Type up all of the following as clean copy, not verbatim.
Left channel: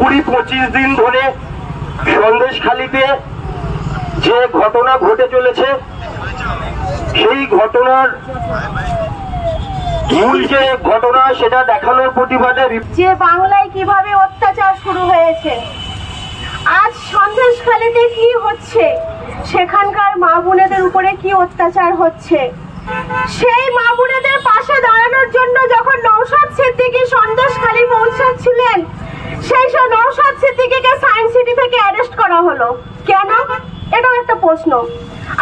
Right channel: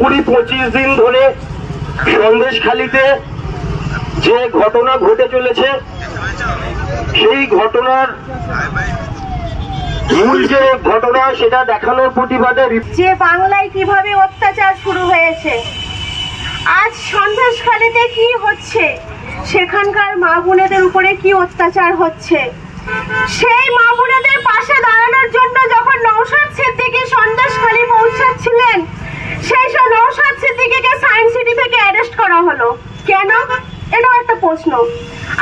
20-25 দিন ধরে সন্দেশখালীতে যে ঘটনা ঘটে চলেছে, সেই ঘটনার মূল যে ঘটনা সেটা দেখানোর প্রতিবাদে যে বাংলায় কিভাবে অত্যাচার শুরু হয়েছে, আজ সন্দেশখালীতে কি হচ্ছে, সেখানকার মা বোনেদের উপরে কি অত্যাচার হচ্ছে, সেই মা বোনেদের পাশে দাঁড়ানোর জন্য যখন নওশাদ সিদ্দিকী সন্দেশখালী পৌঁছাচ্ছিলেন, সেই সব নওশাদ সিদ্দিকীকে সায়েন্স সিটি থেকে অ্যারেস্ট করা হলো কেন? এটাও একটা প্রশ্ন।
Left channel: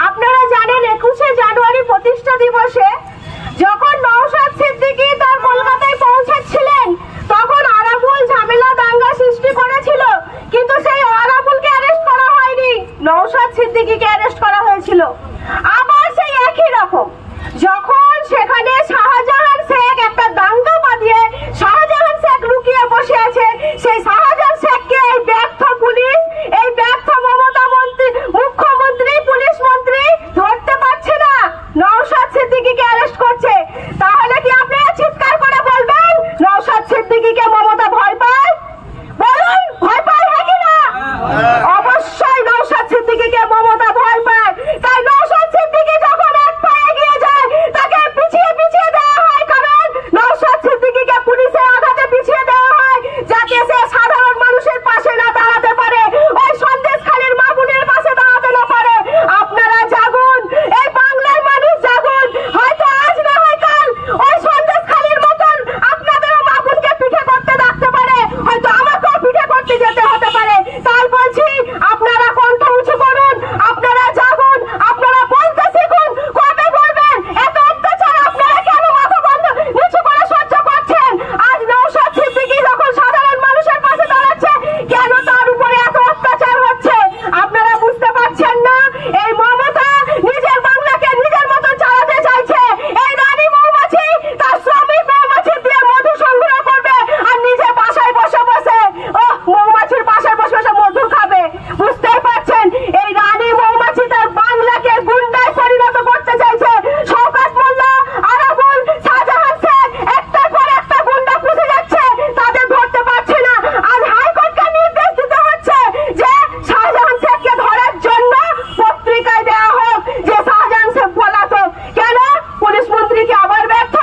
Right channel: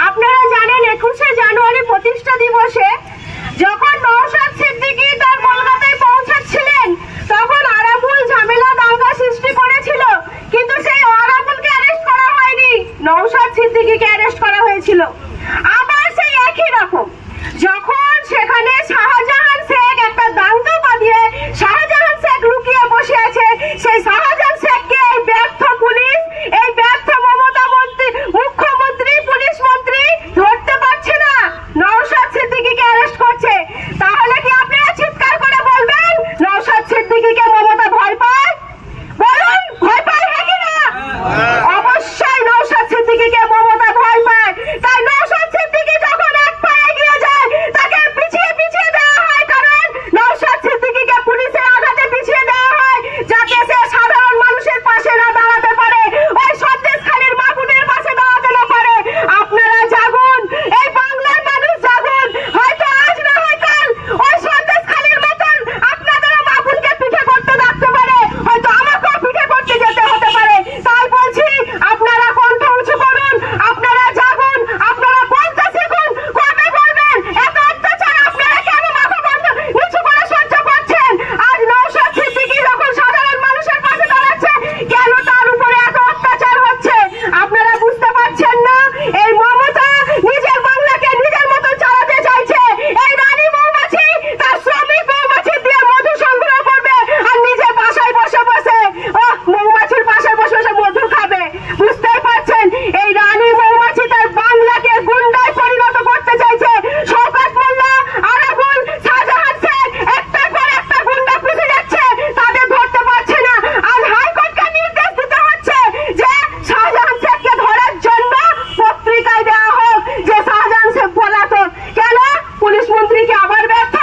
আপনারা জানেন 21শে জানুয়ারি প্রতিষ্ঠা দিবসে যখন নওশাদ সিদ্দিকী তার কলকাতায় পৌঁছাচ্ছিলেন, তখন আরাবুল ঝামেলা দাঙ্গা সৃষ্টি করেছিল, কিন্তু সেই আরাবুলকে অ্যারেস্ট করা হয়নি, নওশাদ সিদ্দিকীকে অ্যারেস্ট করা হয়েছিল। আবার সেই একই রকম যখন সেখানে শাহজাহান শেখ একটা দাঙ্গা বাঁধিয়ে শাহজাহান শেখ লুকিয়ে বসে আছে, সেই শাহজাহান শেখকে এই ব্যর্থ পুলিশ, এই ব্যর্থ মমতা মন্ত্রী, মুখ্যমন্ত্রী, পুলিশ মন্ত্রী ধরতে পারছে না, নওশাদ সিদ্দিকীকে অ্যারেস্ট করছে। তাহলে কি আপনারা চিৎকার করে বলবেন নওশাদ সিদ্দিকীকে মমতা ভয় পায়? বলুন, ভয় পায় নাকি না? অবশ্যই নওশাদ সিদ্দিকীকে মমতা ভয় পায়। তাই নওশাদ সিদ্দিকী যখন এক পায়ে এগিয়ে যায়, তাকে পিছিয়ে পিছিয়ে দেওয়া হয়, কারণ নওশাদ সিদ্দিকীকে পুলিশের আঘাতে পিছিয়ে দেওয়া হয় যাতে সে সাধারণ মানুষের পাশে না দাঁড়াতে পারে, ওই সন্দেশখালীর মা বোনের পাশে দাঁড়াতে না পারে। আপনারা জাগুন, এই বাংলার মানুষ জাগুন, হয়তো আজ না হয় কাল ওই সন্দেশখালীর মতন আপনাদের মা বোনকে পিঠে করতে দেখতে পারে, হয়তো আমাকেও পিঠে করতে যেতে হতে পারে। তাই বলছি, আপনারা কণ্ঠ উঁচু করুন, আপনারা জাগুন, আপনারা বলতে শিখুন। কবে বলবেন এত অত্যাচার আপনারা কেন মাথা বন্ধ নিচু করে সহ্য করছেন? আজ নওশাদ সিদ্দিকী যখন সাধারণ মানুষের পাশে দাঁড়াচ্ছে, কেন তার উপরে এত অত্যাচার হচ্ছে? আপনারা বুঝতে পারছেন না? এই মমতা নিজের বাংলাকে নিজের মতো চালাতে চাইছে। এই রানী মৌমাছি তার শ্রমিক মৌমাছি দিয়ে মধু সংগ্রহ করবে, আর নিজে বাসায় বসে বসে মৌমাছির বাসায় বসে বসে মধু খাবে। বুঝতেই পারছেন, এই রানী মৌমাছি তার বাংলাকে গুন্ডায় পরিণত করতে চাইছে। শওকত মোল্লা, আরাবুল, শাহজাহান শেখ একটার পর একটা গুন্ডা পুষে যাচ্ছে, তাদের ধরতে পারছে না। আজ হাইকোর্টকে নির্দেশ দিতে হচ্ছে যে শাহজাহান শেখকে ধরার জন্য পত্রিকায় দেওয়া হোক যে শাহজাহান শেখ পলাতক। কেন? পুলিশ মন্ত্রীকে আবার ব্যর্থ?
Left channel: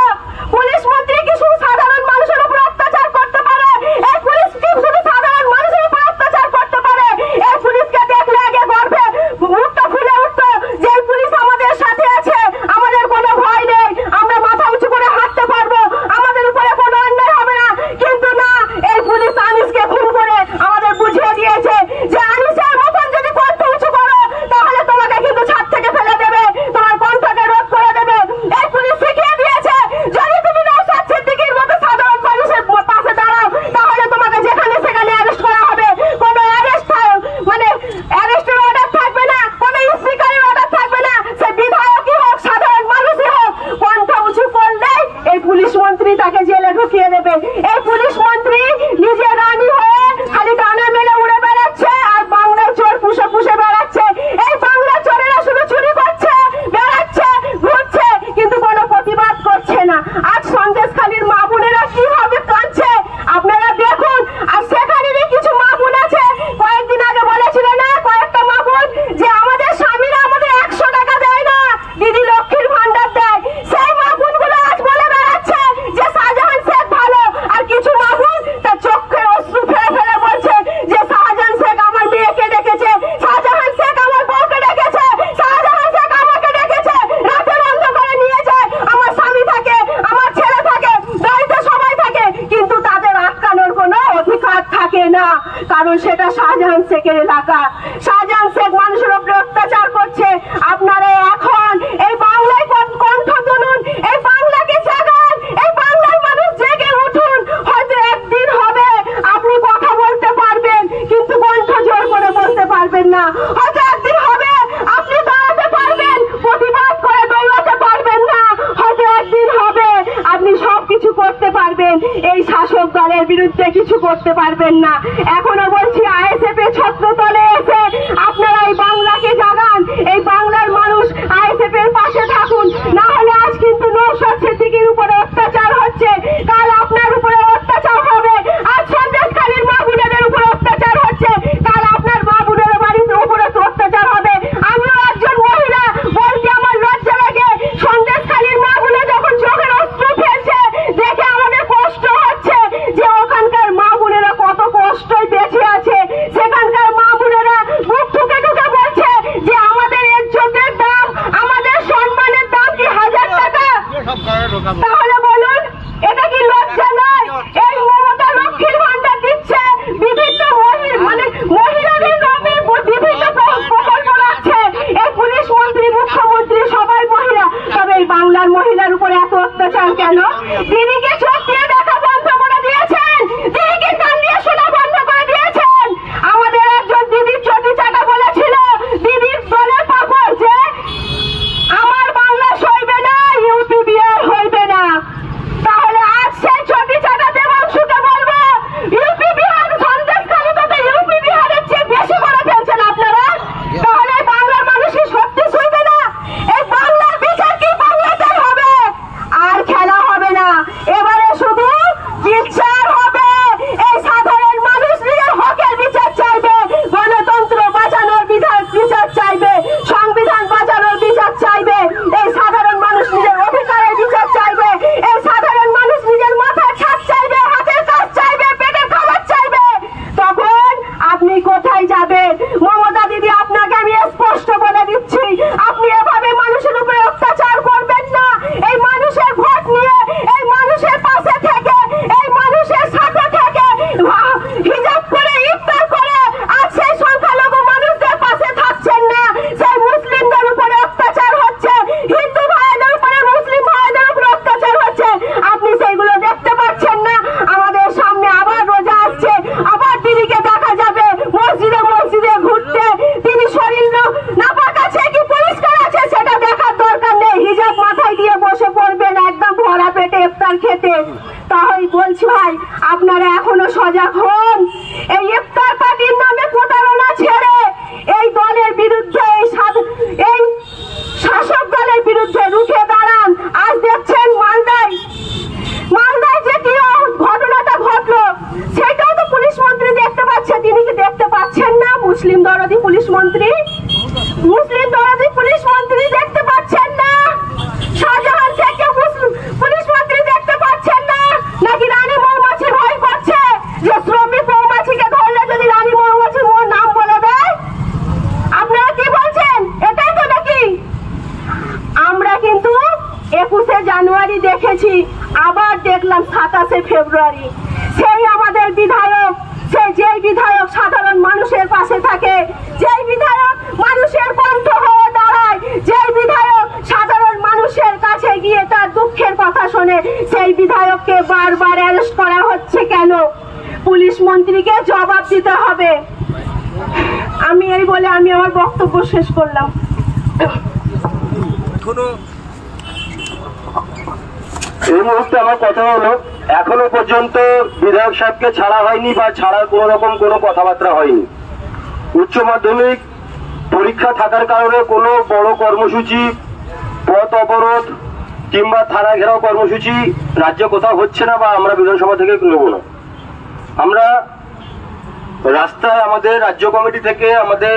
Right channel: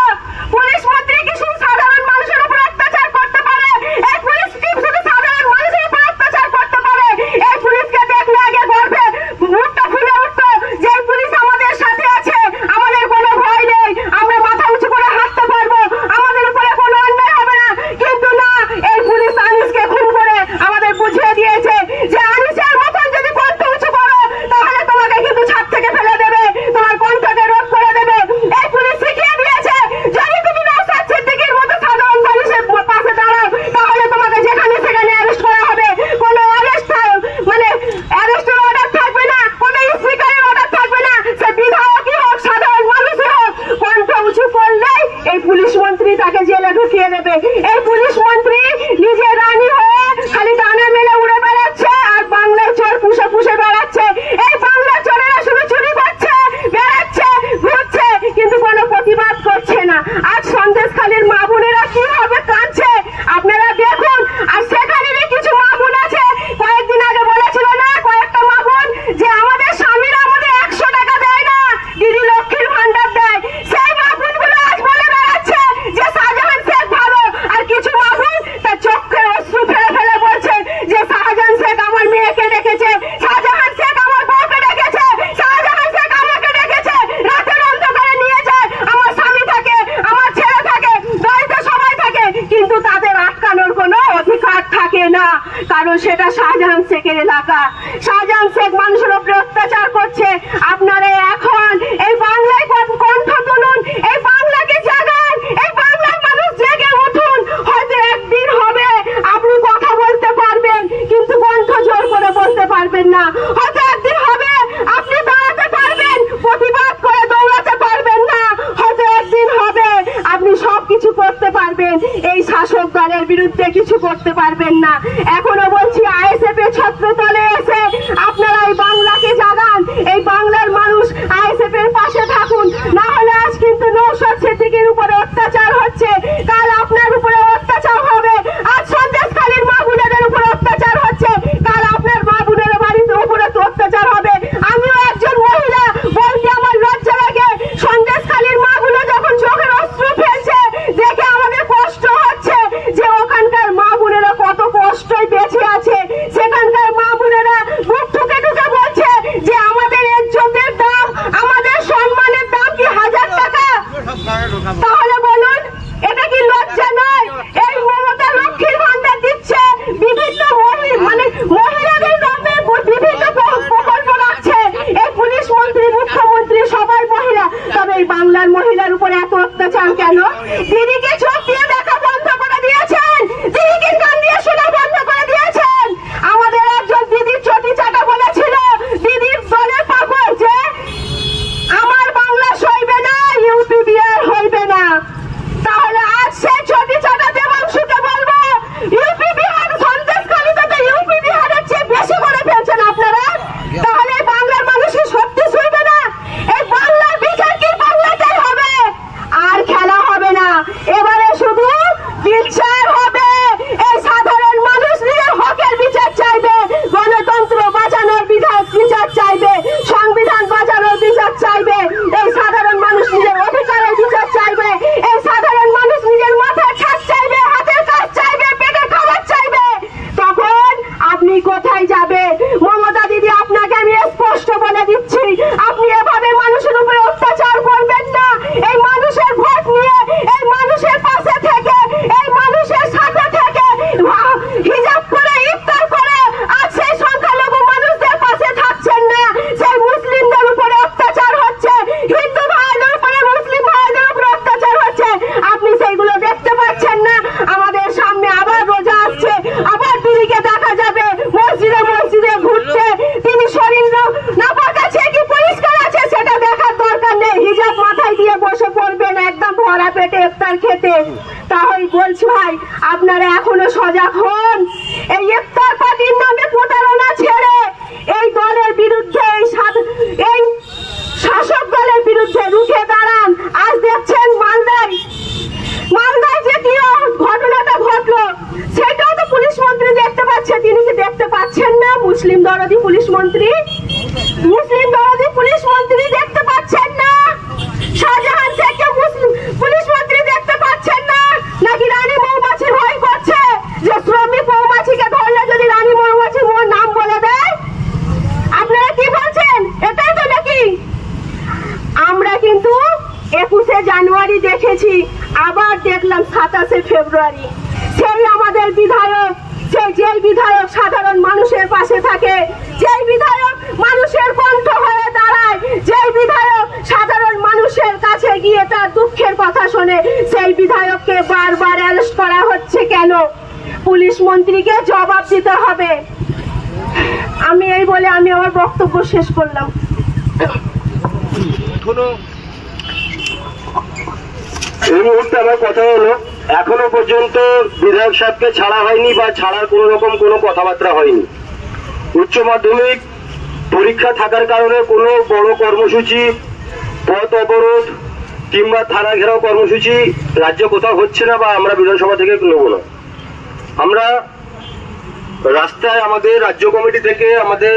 পুলিশ মন্ত্রী কি শুধু সাধারণ মানুষের উপর অত্যাচার করতে পারে? এই পুলিশ কি শুধু সাধারণ মানুষের উপর অত্যাচার করতে পারে? এই পুলিশকে দেখলে আগে গর্বে মুখটা ফুলে উঠতো যে এই পুলিশ আমাদের সাথে আছে, আমাদের কোনো ভয় নেই, আমরা মাথা উঁচু করে হাঁটতে পারবো, আমাদের উপরে কোনো অন্যায় হবে না। কিন্তু না, এই পুলিশ আনিসকে খুন করে আমাদের বুঝিয়ে দিয়েছে যে আনিসের মতন যদি কণ্ঠ উঁচু করো তাহলে তোমাকে কিন্তু ছাদ থেকে ফেলে দেবে, তোমার কণ্ঠকে রোধ করে দেবে। এই পুলিশ শিখিয়ে দিয়েছে যদি তুমি নওশাদ সিদ্দিকীর মতো সাধারণ মানুষের পাশে দাঁড়াও তাহলে তোমাকে যেখানে সেখানে অ্যারেস্ট করা হবে। কোনো অ্যারেস্টের অর্ডার থাকবে না, কোনো স্পিকারের অর্ডার থাকবে না, সে বিধায়কই হোক সাধারণ মানুষই হোক, কণ্ঠ উঁচু করলেই এই পুলিশ মন্ত্রী তাকে জেলে ঢুকিয়ে দেবে। এই পুলিশ মন্ত্রী নিজে রানী হয়ে খালি ডানা মেলে উড়ে বেড়াচ্ছে আর বাংলার চোর পুষে পুষে বেড়াচ্ছে। এই বাংলার চোরেরা শুধু চুরি করছে, বেড়াচ্ছে, ঘুরছে, কিন্তু কোনো প্রতিবাদ করছে না। আজ সন্দেশখালীর মা বোনেরা কিভাবে কাঁদছে আপনারা দেখুন। আর সেখানেরই কিছু মা বোন আছে, কয়েকদিন আগে বলেছিল না কয়েকটা মা বোন যে আমাদের স্বামীরা আমাদের 100 টাকা দেয় না, দিদি লক্ষ্মীর ভান্ডার দেয়। সেই মা বোনগুলো আজ বলে বেড়াচ্ছে যে শাহজাহান শেখ ভালো, আর কিছু মা বোন তার চোখে অশ্রু ফেলে ফেলে বলছে যে শাহজাহান শেখ আমার মেয়েকে ডেকেছে, শাহজাহান শেখ আমার বউকে ডেকেছে, শাহজাহান শেখ আমাকে ডেকেছে, রাতের অন্ধকারে নিয়ে যায়, আমার স্বামী থাকে, আমার ছেলে থাকে, বাড়িতে সবাই থাকে, কিন্তু তাদের আটকানোর কোনো অধিকার থাকে না, কারণ সেটা শাহজাহান শেখের এলাকা। শাহজাহান শেখ মানুষের উপরে অত্যাচার করছে। আপনারা এখন এই বাংলায় কণ্ঠ তুলুন, এই বাংলাকে জাগান, এই বাংলার মানুষ জেগে উঠুন। হয়তো একদিন হবে আপনি কথা বলতে পারবেন, কিন্তু কণ্ঠ জোর করে বলতে পারবেন না। হয়তো একদিন হবে আপনি দাঁড়াতে পারবেন, প্রতিবাদ করে দৌড়াতে পারবেন না। হয়তো একদিন হবে আপনি সবকিছু করতে পারবেন, এই শাসক দলের বিরুদ্ধে কিছু করতে পারবেন না। এখনো বলছি, আইএসএফ এর ছত্রতলে এসে আপনারা এই বাংলাকে জাগান, এই বাংলার মানুষ আইএসএফ এর পাশে থাকুন। না হলে আজ কিন্তু নওশাদ সিদ্দিকীর উপরে অত্যাচার হচ্ছে, কাল আপনার উপরে অত্যাচার হবে, আজ সন্দেশখালীর মা বোনেদের উপরে এখনো সজাগ হন। এই ইফতার পার্টির নামে প্রতারণা ছেড়ে এই দলের বিরুদ্ধে এই শাসক দলের বিরুদ্ধে রুখে দাঁড়ান। আজ দেখছেন মালদায় যে কি ঘটনাটা ঘটলো, সেটাও তো পুলিশ মন্ত্রী দেখতে পাচ্ছে। তিনি কি দেখতে পাচ্ছেন না? মুসলিম দরদি পুলিশ মন্ত্রী দেখতে পাচ্ছেন না? শাহজাহান থেকে মুসলিম পুলিশ মন্ত্রী দেখতে পাচ্ছেন না? নাকি রানী মৌমাছি ভয় করছে যে শ্রমিক মৌমাছিকে ধরলে যদি রানী মৌমাছি মোর নাম বলে দেয়? আপনারা কি বলছেন? এটাই তো নাকি? আমরা কিন্তু 21শে জানুয়ারি দেখেছি, আবার দেখলাম 27শে ফেব্রুয়ারি। সেই আমাদের বিধায়ক, যেই বিধায়ক সাধারণ মানুষের পাশে থাকে, যেই বিধায়ক মানুষের কণ্ঠ হয়ে দাঁড়ায়, যেই বিধায়ক সাধারণ মানুষের কাছে গিয়ে তার দুঃখের কথা শোনে, সেই বিধায়ককে বারবার অ্যারেস্ট করা হচ্ছে কেন? পুলিশ মন্ত্রীকে জবাব দিতে হবে। আমি এই বলে আমি আমার বক্তব্য শেষ করলাম। এই মুহূর্তে আমার কথা হলো, এখনো পর্যন্ত বিধায়ক সাহেবকে ছাড়া হয়নি বা ছাড়ার কোন রকম কোনো কথাবার্তা হয়নি। উচ্চ মাধ্যমিক পরীক্ষা থাকার কারণে কোনো বড় কর্মসূচি, পথ অবরোধ কিংবা থানা ঘেরাও কর্মসূচি রাজ্য কোথাও হচ্ছে না বা আমরা বিধানসভা থেকে নেব না। আমরা রাস্তায় আমাদের রাজ্য কমিটি থেকে আমাদের